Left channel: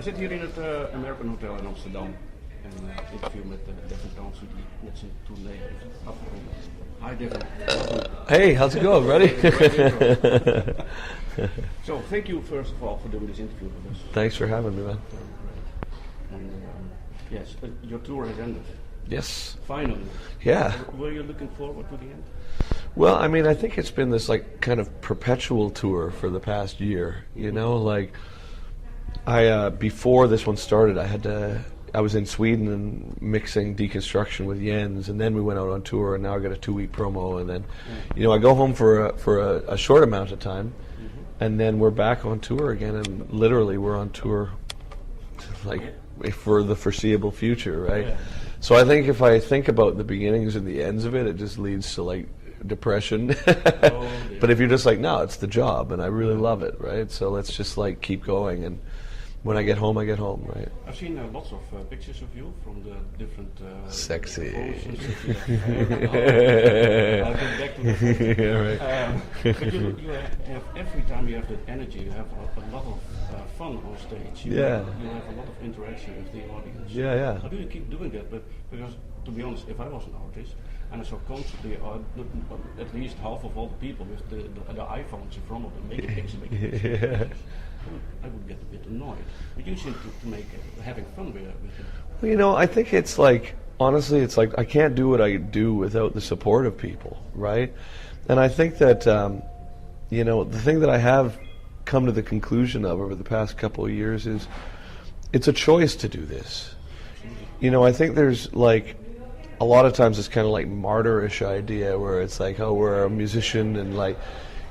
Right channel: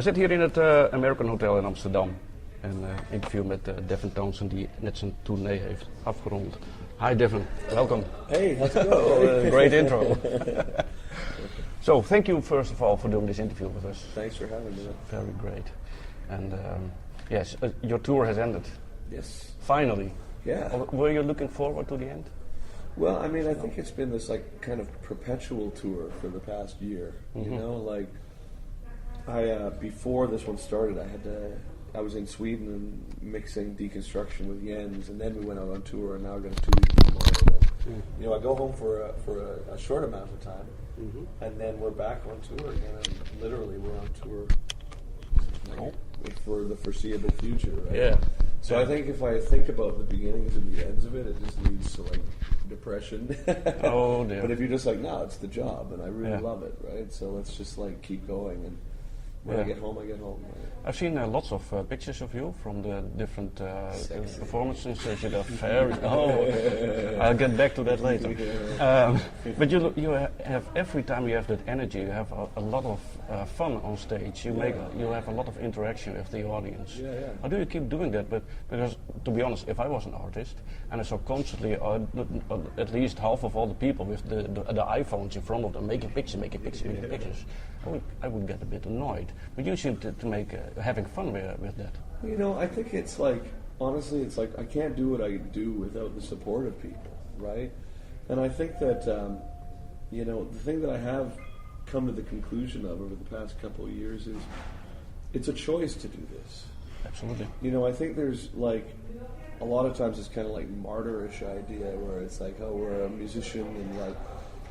We zitten hier in het American Hotel in Amsterdam. En interview met Devin Townsend die net zijn tournee heeft afgerond. Hi Devin, welcome. Hey, how's it going, buddy? Great intro. So, thank you first of all for doing this interview with us. Thanks for having me, man. Very great. And yes, your tour has ended. Yes. Finally. Yeah. Were you looking forward to the end? Well, I mean, I think it's been this like kind of perpetual tour for the past year. You know, like I before this one started, I was in Sweden and mixing deconstruction with Jens, and then we went out on tour, and now I got a 2-week promo, and then you know I go home for a short amount of time, and then we're back on tour again, and literally we're on tour like for the foreseeable future, right? Yeah. So I think if I think about the beginnings and the ends of it, it just leads to like depression. Oh, dear. But if you're just like, no, it's the job, and I really love it, right? So let's just like keep going, and when I get home, right? I've seen lots of pictures of you from the different Sexy. performances. I'll get back to that later. Yeah, right. But you have every time you have that energy, you have a lot of fun on stage. You have a lot of interaction with the audience. Yeah, yeah. How do you keep doing that? But because to be honest, if I was an artist and I saw constantly at least half of all the people with the iPhones in front of them making pictures, I would get a bit annoyed. But you seem to make having fun with that. Well, you know, I think it's like, honestly, it's like I can't do what I do without the support of people, right? And I think that, you know, the thing that I have come to the conclusion of over the past couple of years is it's a choice to do this. Absolutely. You know, I think there's like, a lot of times it's kind of like martyrish idea where it's like, oh, we're a musician and like,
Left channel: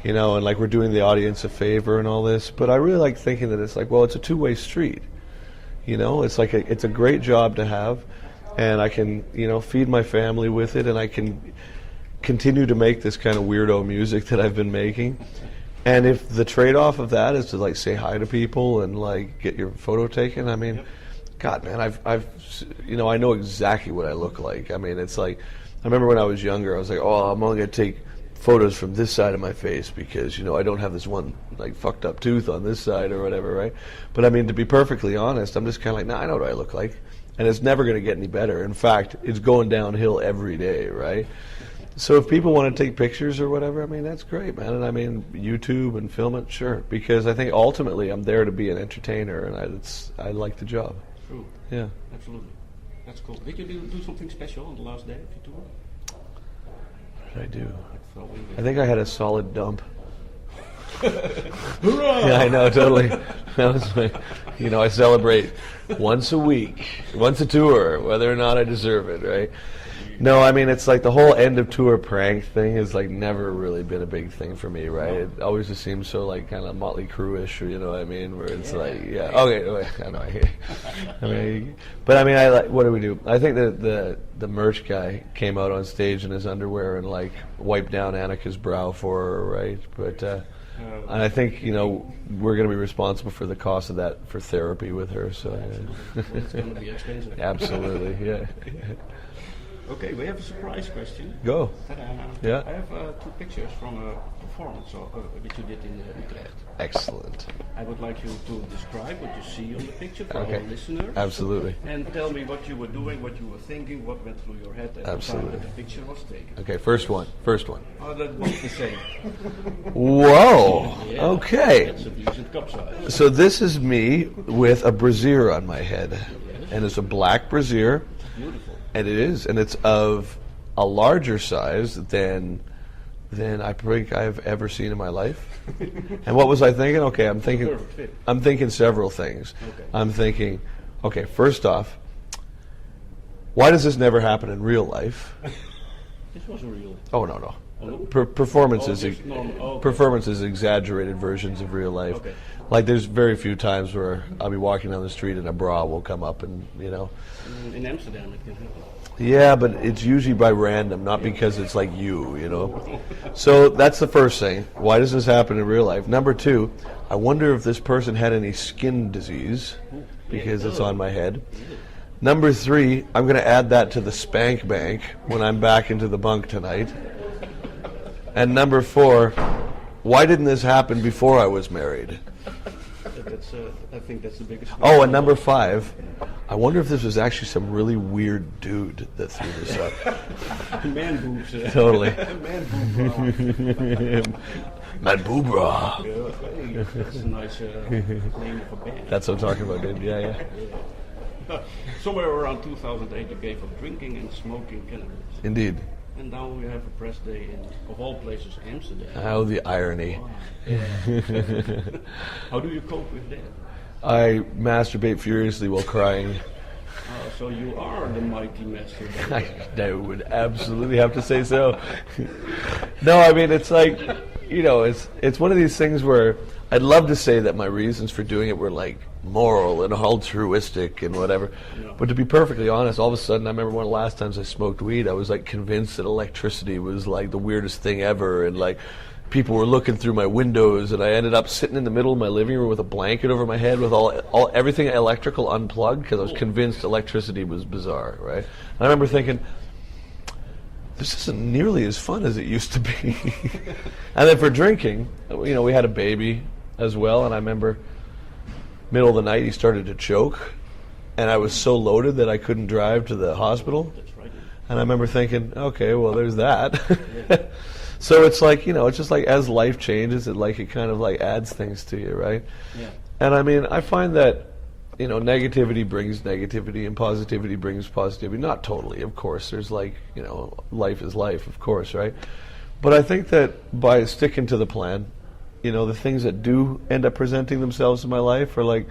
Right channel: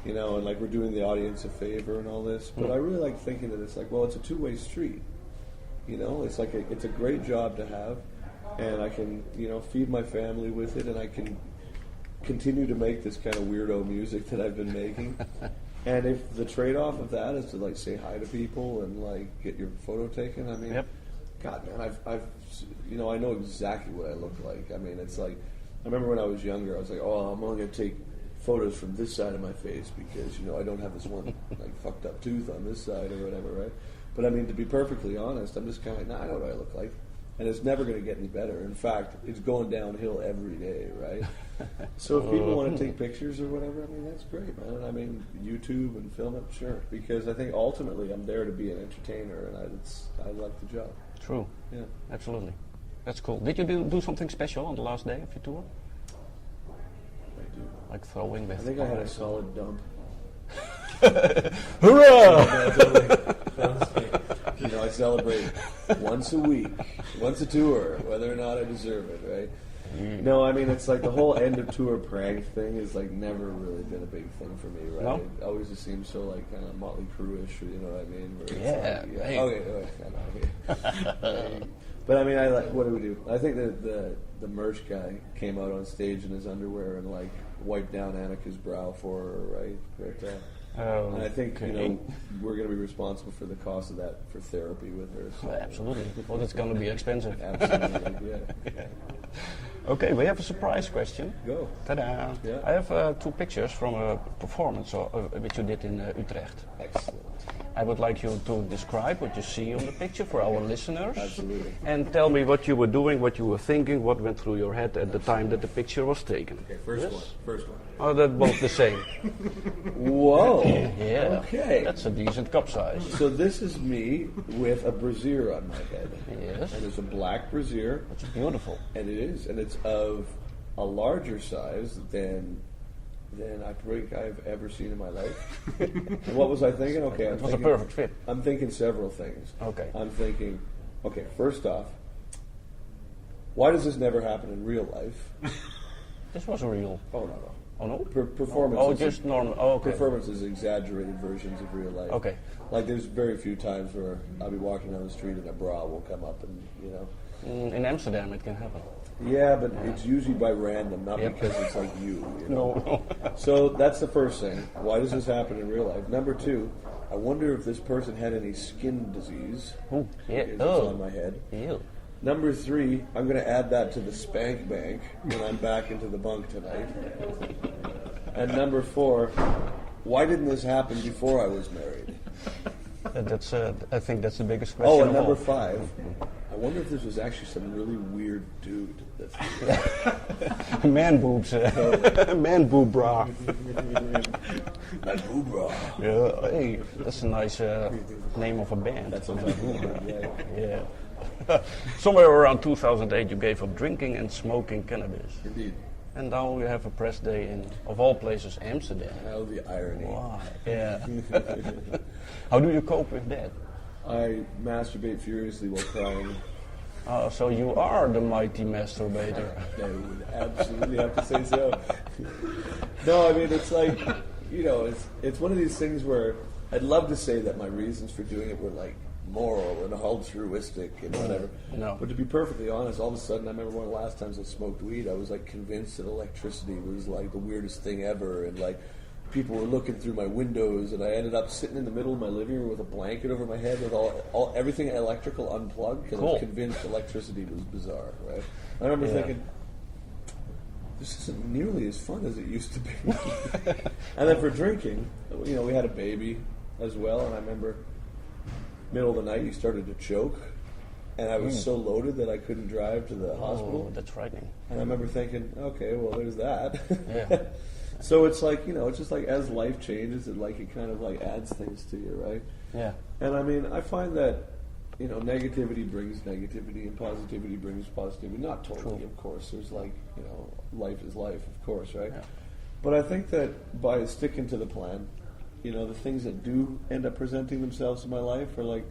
you know, and like we're doing the audience a favor and all this. But I really like thinking that it's like, well, it's a two-way street. You know, it's like it's a great job to have, and I can, you know, feed my family with it, and I can continue to make this kind of weirdo music that I've been making. And if the trade-off of that is to like say hi to people and like get your photo taken, I mean, God, man, I've, you know, I know exactly what I look like. I mean, it's like, I remember when I was younger, I was like, oh, I'm only gonna take photos from this side of my face because, you know, I don't have this one like fucked up tooth on this side or whatever, right? But I mean, to be perfectly honest, I'm just kind of like, nah, I know what I look like, and it's never going to get any better. In fact, it's going downhill every day, right? So if people want to take pictures or whatever, I mean, that's great, man. And I mean, YouTube and film it, sure, because I think ultimately I'm there to be an entertainer, and I like the job. True. Yeah. Absolutely. That's cool. Did you do something special on the last day of your tour? What did I do? Like throwing? I think I had a solid dump. Hurrah! Yeah, I know, totally. That was my, you know, I celebrate once a week, once a tour, whether or not I deserve it, right? No, I mean, it's like the whole end of tour prank thing has like never really been a big thing for me, right? No. It always just seems so like kind of Motley Crue-ish, you know what I mean? Where it's okay, I know, I hear you. But I mean, I like, what do we do? I think that the merch guy came out on stage in his underwear and like wiped down Annika's brow for her, right? But and I think, you know, we're going to be responsible for the cost of that for therapy with her. So absolutely. Well, it's going to be expensive. Absolutely, yeah. Okay, we have a surprise question. Go. Ta-da! Yeah. I have 2 pictures from a performance which you did in Utrecht. Excellent. I would like you to describe what you see on the picture for our listeners. Absolutely. And tell me what you were doing, what you were thinking, what went through your head at the time that the picture was taken. Okay, first one. Oh, that was the same. Whoa. Yeah, okay. That's a decent cup size. So this is me with a brassiere on my head. Yes. And it's a black brassiere. Beautiful. And it is. And it's of a larger size than I think I've ever seen in my life. And what was I thinking? Okay, I'm thinking a perfect fit. I'm thinking several things. Okay. I'm thinking, okay, first off, why does this never happen in real life? This was real. Oh no. Oh, no? Performances. just normal. Oh, okay. Performances, exaggerated versions of real life. Okay. Like there's very few times where I'll be walking down the street and a bra will come up and, you know. In Amsterdam it can happen. Yeah, but it's usually by random, not because it's like you know. So that's the first thing. Why does this happen in real life? Number 2, I wonder if this person had any skin disease because it's on my head. Ew. Number 3, I'm going to add that to the spank bank when I'm back into the bunk tonight. And number 4, why didn't this happen before I was married? I think that's the biggest. Oh, and number 5. I wonder if this was actually some really weird dude that threw this up. Man boobs. Totally. Man boob bra. Man boob bra. Yeah, hey, that's a nice name of a band. That's what I'm talking about, dude. Yeah. Yeah. Somewhere around 2008, you gave up drinking and smoking cannabis. Indeed. And now you have a press day in, of all places, Amsterdam. How the irony. Wow. Yeah. How do you cope with that? I masturbate furiously while crying. So you are the mighty master. I would absolutely have to say so. No, I mean, it's like, it's one of these things where I'd love to say that my reasons for doing it were like moral and altruistic and whatever. No. But to be perfectly honest, all of a sudden, I remember one of the last times I smoked weed, I was like convinced that electricity was like the weirdest thing ever, and like people were looking through my windows, and I ended up sitting in the middle of my living room with a blanket over my head with all everything electrical unplugged because I was convinced electricity was bizarre, right? And I remember thinking, this isn't nearly as fun as it used to be. And then for drinking, we had a baby as well, and I remember middle of the night he started to choke, and I was so loaded that I couldn't drive to the hospital. That's right. And I remember thinking, okay, well, there's that. Yeah. So it's like, it's just like as life changes, it kind of like adds things to you, right? Yeah. And I mean, I find that, negativity brings negativity and positivity brings positivity. Not totally, of course. There's like, life is life, of course, right? But I think that by sticking to the plan, the things that do end up presenting themselves in my life are like,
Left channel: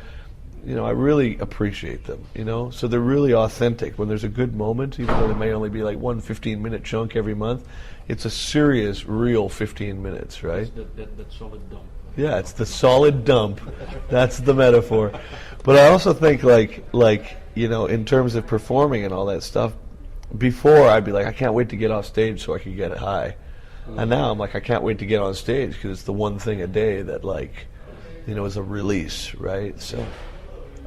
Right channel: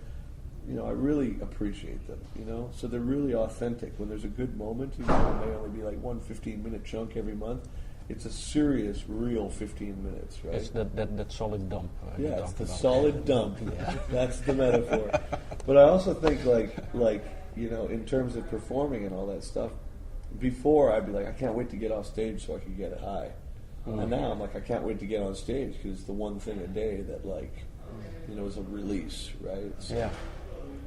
I really appreciate them, So they're really authentic. When there's a good moment, even though it may only be like one 15-minute chunk every month, it's a serious, real 15 minutes, right? It's that solid dump. Yeah, it's the solid dump. That's the metaphor. But I also think like in terms of performing and all that stuff, before I'd be like, I can't wait to get off stage so I can get high. And now I'm like, I can't wait to get on stage because it's the one thing a day that is a release, right? So,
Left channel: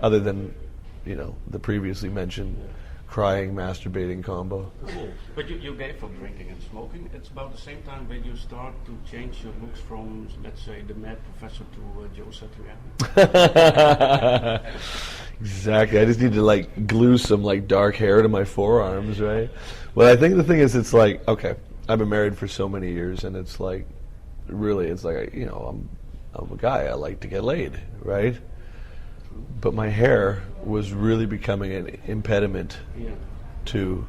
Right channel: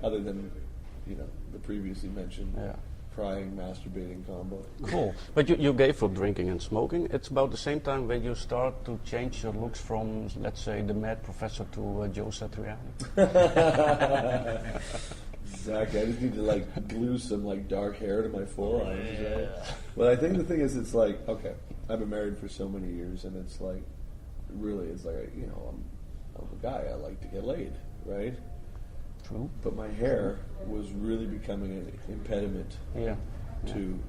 other than, the previously mentioned crying, masturbating combo. Cool. But you gave up drinking and smoking. It's about the same time when you start to change your looks from, let's say, the mad professor to Joe Satriani. Exactly. I just need to glue some dark hair to my forearms, right? Well, I think the thing is, it's like, okay, I've been married for so many years, and it's like, really, it's like, I'm a guy. I like to get laid, right? True. But my hair was really becoming an impediment to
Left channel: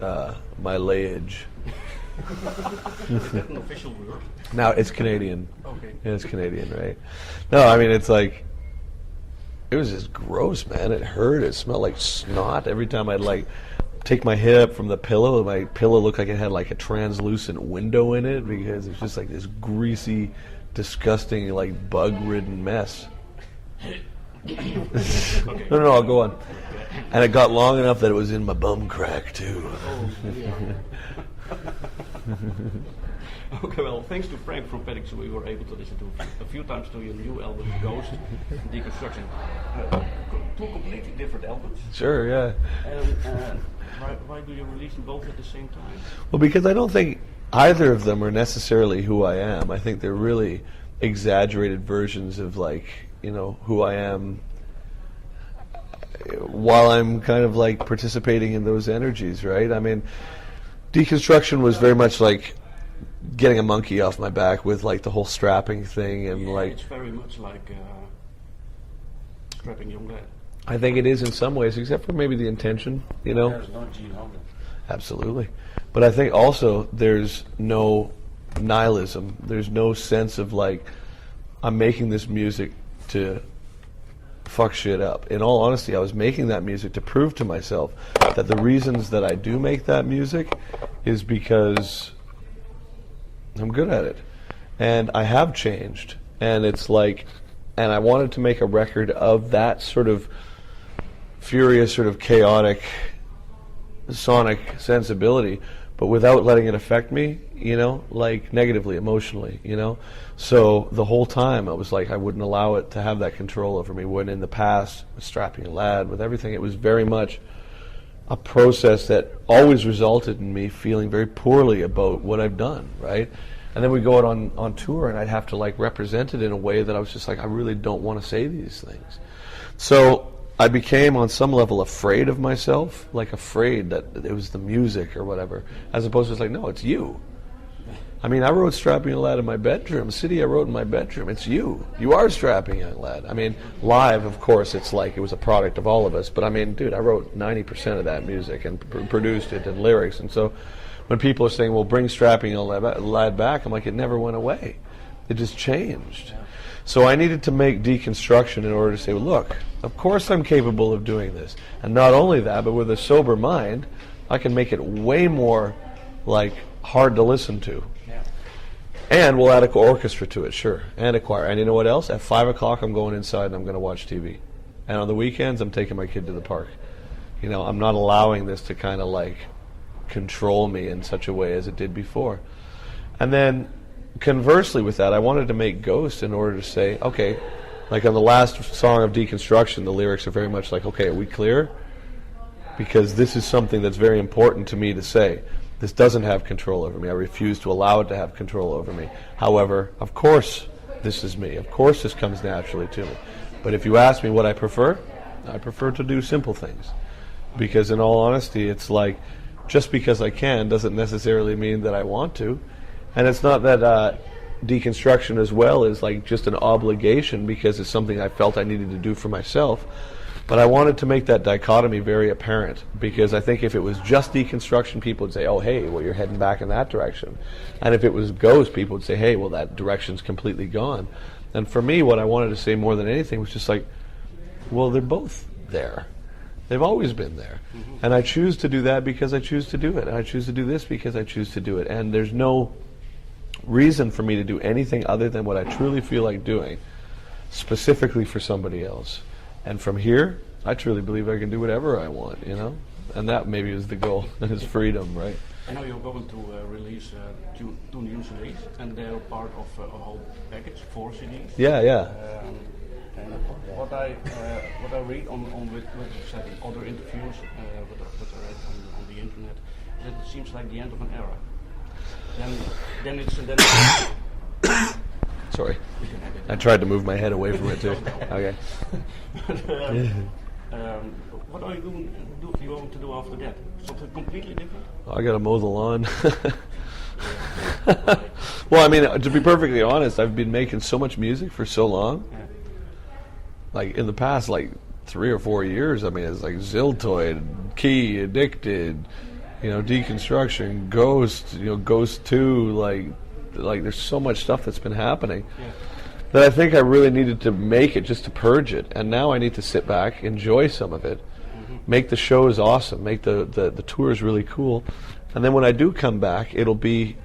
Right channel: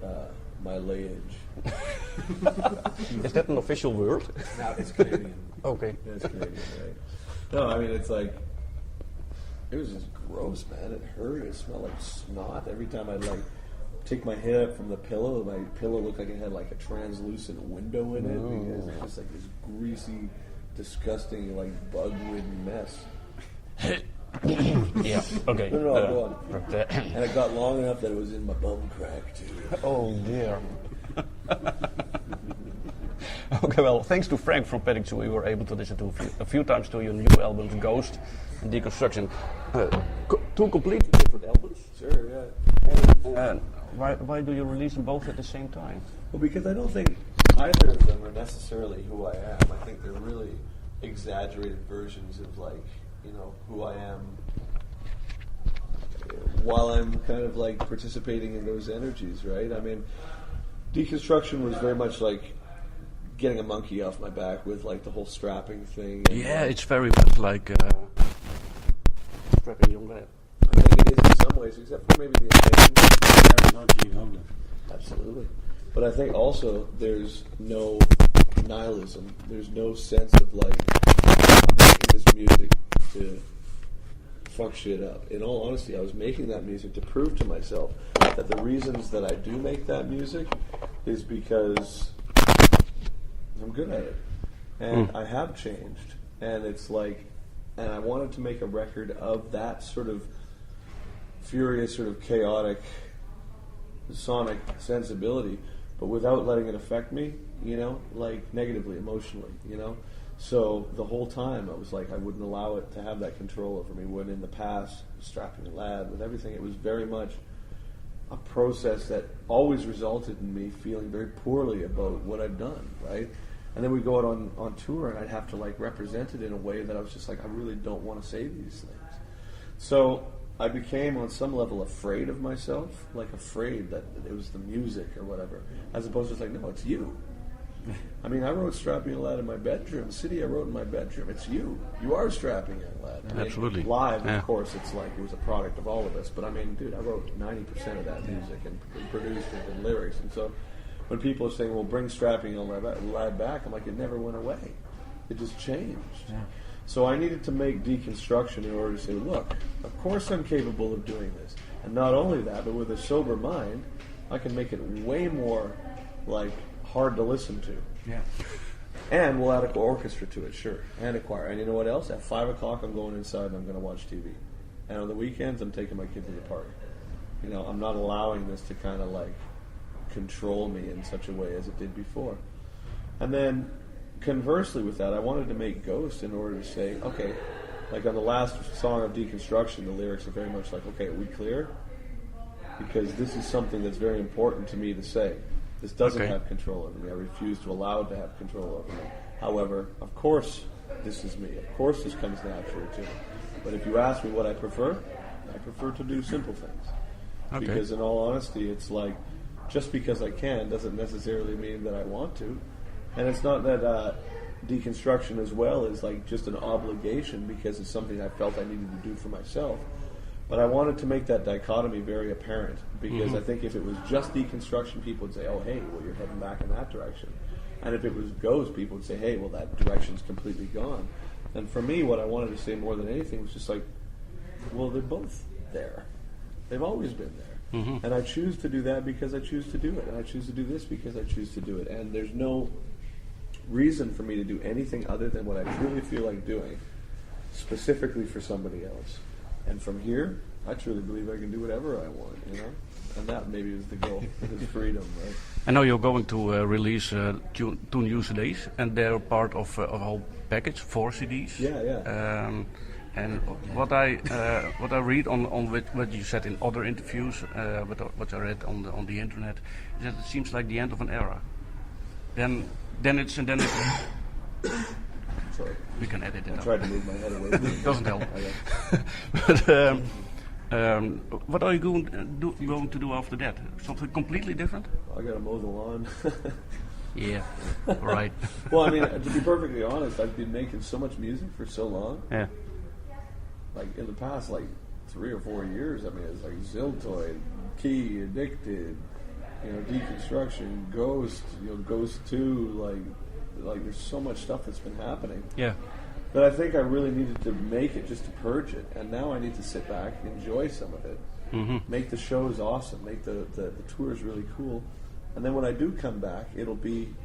my layage. Is that an official word? No, it's Canadian. Okay. Yeah, it's Canadian, right? No, I mean, it's like, it was just gross, man. It hurt. It smelled like snot every time I'd take my head up from the pillow. My pillow looked like it had a translucent window in it because it's just this greasy, disgusting, bug-ridden mess. Okay. No, I'll go on. Okay. And it got long enough that it was in my bum crack too. Oh yeah. Okay, well, thanks to Frank from Paddington, we were able to listen to a few times to your new albums, Ghost and Deconstruction. Two completely different albums. Sure, yeah. And why do you release them both at the same time? Well, because I don't think either of them are necessarily who I am. I think they're really exaggerated versions of who I am while I'm kind of participating in those energies, right? I mean, Deconstruction was very much getting a monkey off my back with the whole strapping thing. And it's very much like strapping young lad. I think it is in some ways, except for maybe the intention. Absolutely. But I think also there's no nihilism. There's no sense of I'm making this music to fuck shit up. In all honesty, I was making that music to prove to myself that the reasons that I do make that music is because I'm good at it. And I have changed. And it's and I wanted to make a record of that sort of furious, sort of chaotic, sonic sensibility, but without letting it affect me, negatively, emotionally, So the whole time I was I wouldn't allow it to have that control over me, when in the past, strapping a lad, with everything, it was very much a process that always resulted in me feeling very poorly about what I've done, right? And then we go out on tour, and I'd have to like represent it in a way that I was just like, I really don't want to say these things. So I became on some level afraid of myself, like afraid that it was the music or whatever, as opposed to just like, no, it's you. I mean, I wrote Strapping Young Lad in my bedroom. City I wrote in my bedroom. It's you. You are Strapping Young Lad. I mean, Absolutely. live, of course, it's like it was a product of all of us. But I mean, dude, I wrote 90% of that music and produced it and lyrics. And so when people are saying, well, bring Strapping Young Lad back, I'm like, it never went away. It just changed. Yeah. So I needed to make deconstruction in order to say, well, look, of course I'm capable of doing this. And not only that, but with a sober mind, I can make it way more like hard to listen to. Yeah. And we'll add an orchestra to it, sure, and a choir. And you know what else? At 5 o'clock, I'm going inside and I'm going to watch TV. And on the weekends, I'm taking my kid to the park. You know, I'm not allowing this to kind of like control me in such a way as it did before. And then conversely with that, I wanted to make Ghost in order to say, okay, like on the last song of Deconstruction, the lyrics are very much like, okay, are we clear? Because this is something that's very important to me to say. This doesn't have control over me. I refuse to allow it to have control over me. However, of course, this is me. Of course, this comes naturally to me. But if you ask me what I prefer to do simple things. Okay. Because in all honesty, it's like, just because I can doesn't necessarily mean that I want to. And it's not that deconstruction as well is like just an obligation because it's something I felt I needed to do for myself. But I wanted to make that dichotomy very apparent because I think if it was just deconstruction, people would say, oh, hey, well, you're heading back in that direction. And if it was Ghost, people would say, hey, well, that direction's completely gone. And for me, what I wanted to say more than anything was just like, well, they're both there. They've always been there. Mm-hmm. And I choose to do that because I choose to do it. And I choose to do this because I choose to do it. And there's no reason for me to do anything other than what I truly feel like doing, specifically for somebody else. And from here, I truly believe I can do whatever I want, you know? And that maybe is the goal, is freedom, right? I know you're going to release two new CDs, and they're part of a whole package, 4 CDs. Yeah, yeah. And what I read on what you said in other interviews, what I read on the internet, is that it seems like the end of an era. Then it's Sorry. We can edit it. I tried to move my head away from it. Doesn't help. Okay. But what are you going to do after that? Something completely different? I got to mow the lawn. Yeah. Right. Well, I mean, to be perfectly honest, I've been making so much music for so long. Yeah. Like in the past, like 3 or 4 years. I mean, it's like Ziltoid, Key, Addicted, you know, Deconstruction, Ghost, you know, Ghost 2, like there's so much stuff that's been happening. Yeah. That I think I really needed to make it just to purge it, and now I need to sit back, enjoy some of it, make the shows awesome, make the tours really cool, and then when I do come back, it'll be,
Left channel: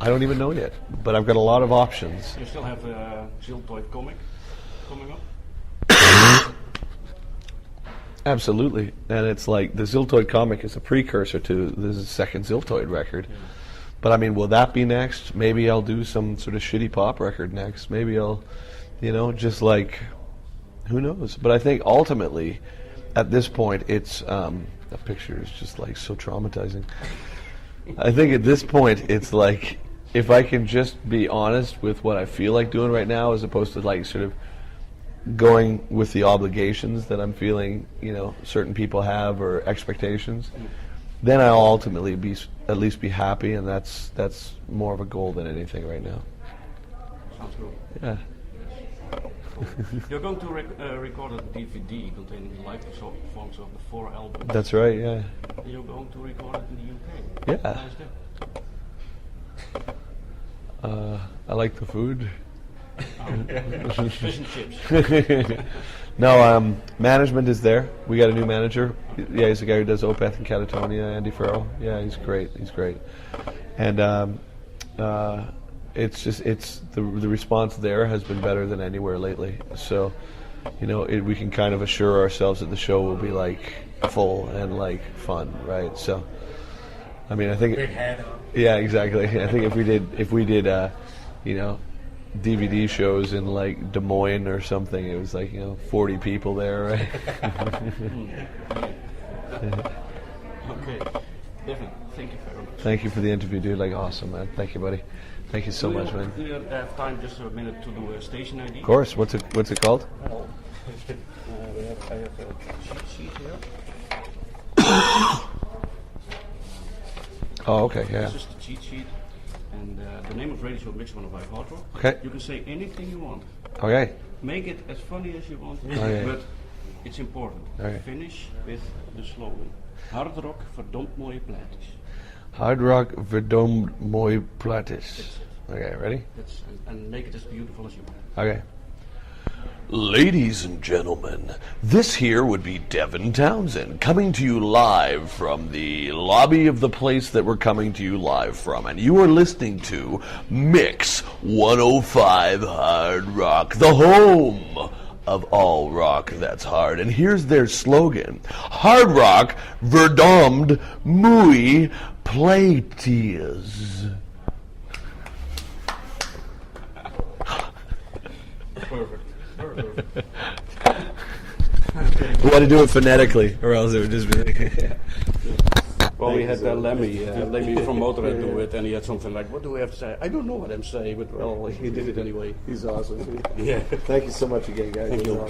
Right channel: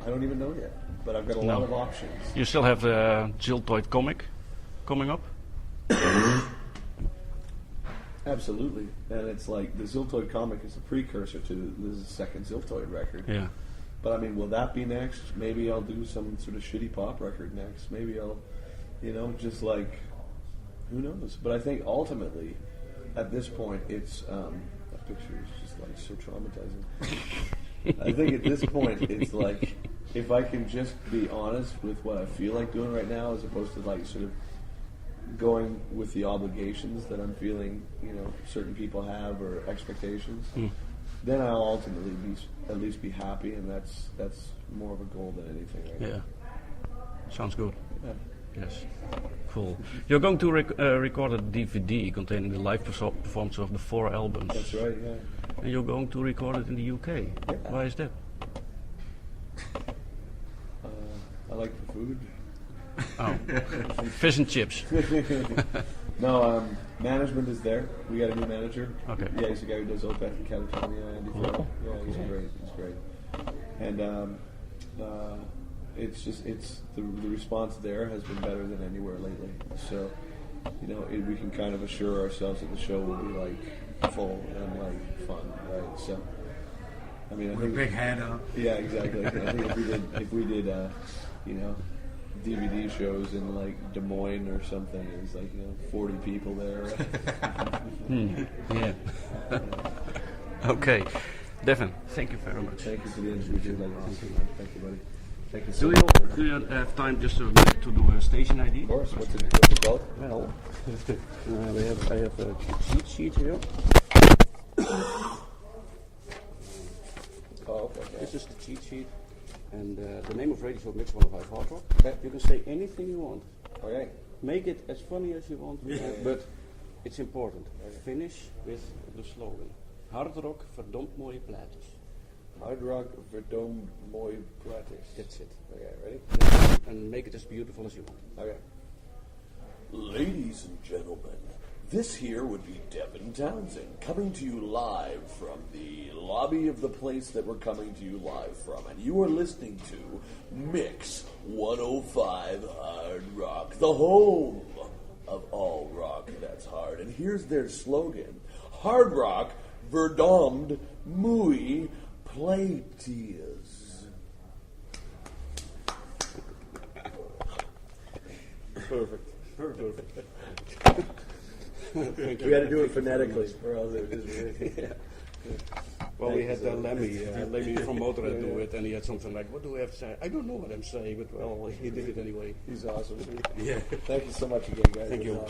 I don't even know yet, but I've got a lot of options. You still have the Ziltoid comic coming up? Absolutely, and it's like the Ziltoid comic is a precursor to the second Ziltoid record. Yeah. But I mean, will that be next? Maybe I'll do some sort of shitty pop record next. Maybe I'll, you know, just like, who knows? But I think ultimately, at this point, it's, that picture is just like so traumatizing. I think at this point, it's like, if I can just be honest with what I feel like doing right now, as opposed to like sort of going with the obligations that I'm feeling, you know, certain people have or expectations. Then I'll ultimately at least be happy, and that's more of a goal than anything right now. Sounds good. Yeah. Yes. Cool. You're going to record a DVD containing the live performance of the 4 albums. That's right. Yeah. And you're going to record it in the UK. Yeah. Why is that? I like the food. Oh, fish and chips. No, management is there. We got a new manager. Okay. Yeah, he's the guy who does Opeth and Catatonia, Andy Farrell. Yeah, he's great. He's great. And it's just the response there has been better than anywhere lately. So, you know, we can kind of assure ourselves that the show will be like full and like fun, right? So, I mean, I think big head, huh? Yeah, exactly. I think if we did, you know, DVD shows in like Des Moines or something, it was like, you know, 40 people there, right? Yeah. Okay. Devin, thank you very much. Thank you for the interview, dude. Like, awesome, man. Thank you, buddy. Thank you so Do much, man. you have time just a minute to do a station ID? Of course. What's it called? Well, I have a cheat sheet here. Oh, okay, yeah. This is the cheat sheet, and the name of the radio show Mix105Hardrock. Okay. You can say anything you want. Okay. Make it as funny as you want, Okay. but it's important. Okay. Finish with the slogan. Hard rock verdomd mooie plaatjes. Hard rock verdomd mooi plaatjes. That's it. Okay, ready? And make it as beautiful as you want. Okay. Ladies and gentlemen, this here would be Devin Townsend coming to you live from the lobby of the place that we're coming to you live from. And you are listening to Mix105 Hard Rock, the home of all rock that's hard. And here's their slogan: Hard rock verdomd mooie plaatjes. Perfect. We had to do it phonetically, or else it would just be like. Well, we had Lemmy from Motorhead do it, and he had something like, "What do we have to say?" I don't know what I'm saying, but well, he did it anyway. He's awesome. Yeah. Thank you so much again, guys. Thank you.